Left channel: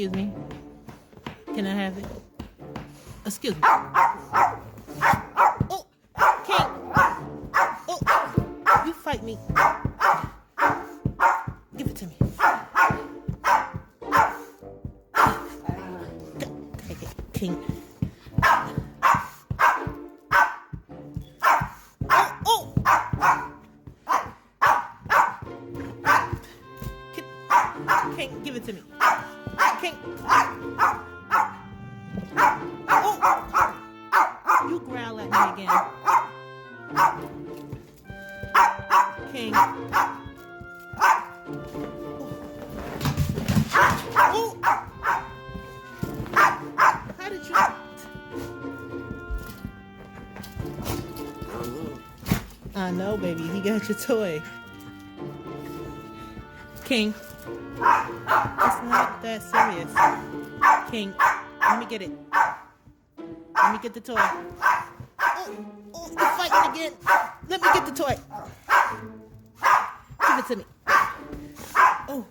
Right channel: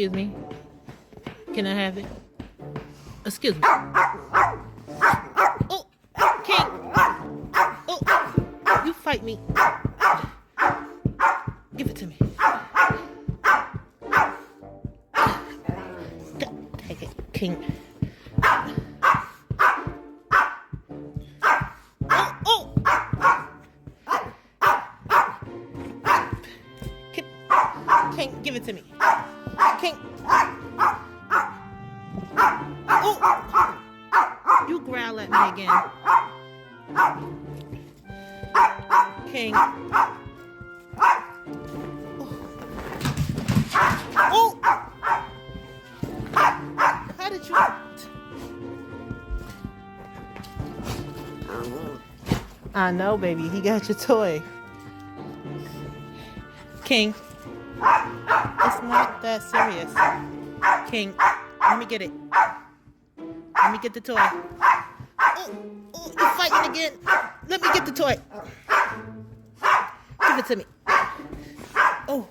Excuse me. Can I have it? Excuse me. Oh, King. Oh, you fight me. Give it to me. Take it, King. Oh, King, give it to me. King. Oh, you growl at me again. King. Oh! How did you... I know, baby. He got your toy. King. It's not that serious. King, let me get it. Let me get the toy. Oh, you're fighting again. Let me get the toy. Give it to me. Oh.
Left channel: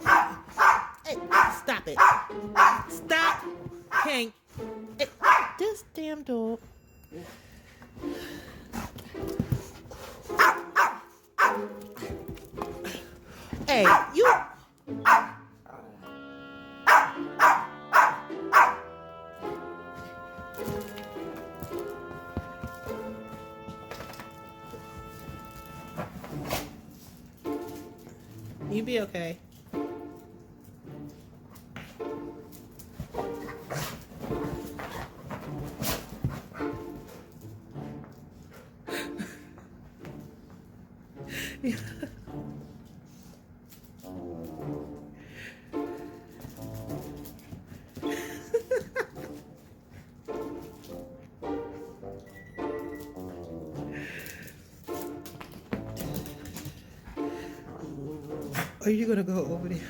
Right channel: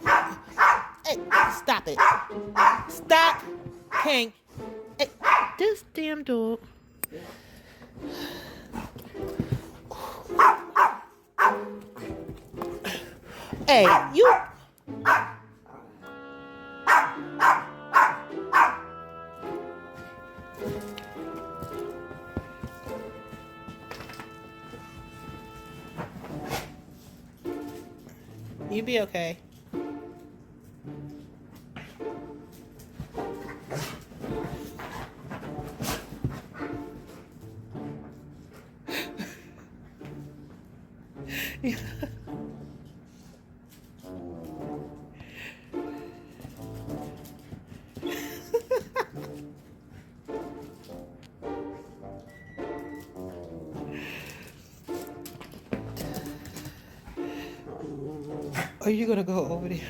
Hey, stop it. Stop, King. Hey, this damn dog. Hey, you. You be okay. Yeah. Are you gonna go over there?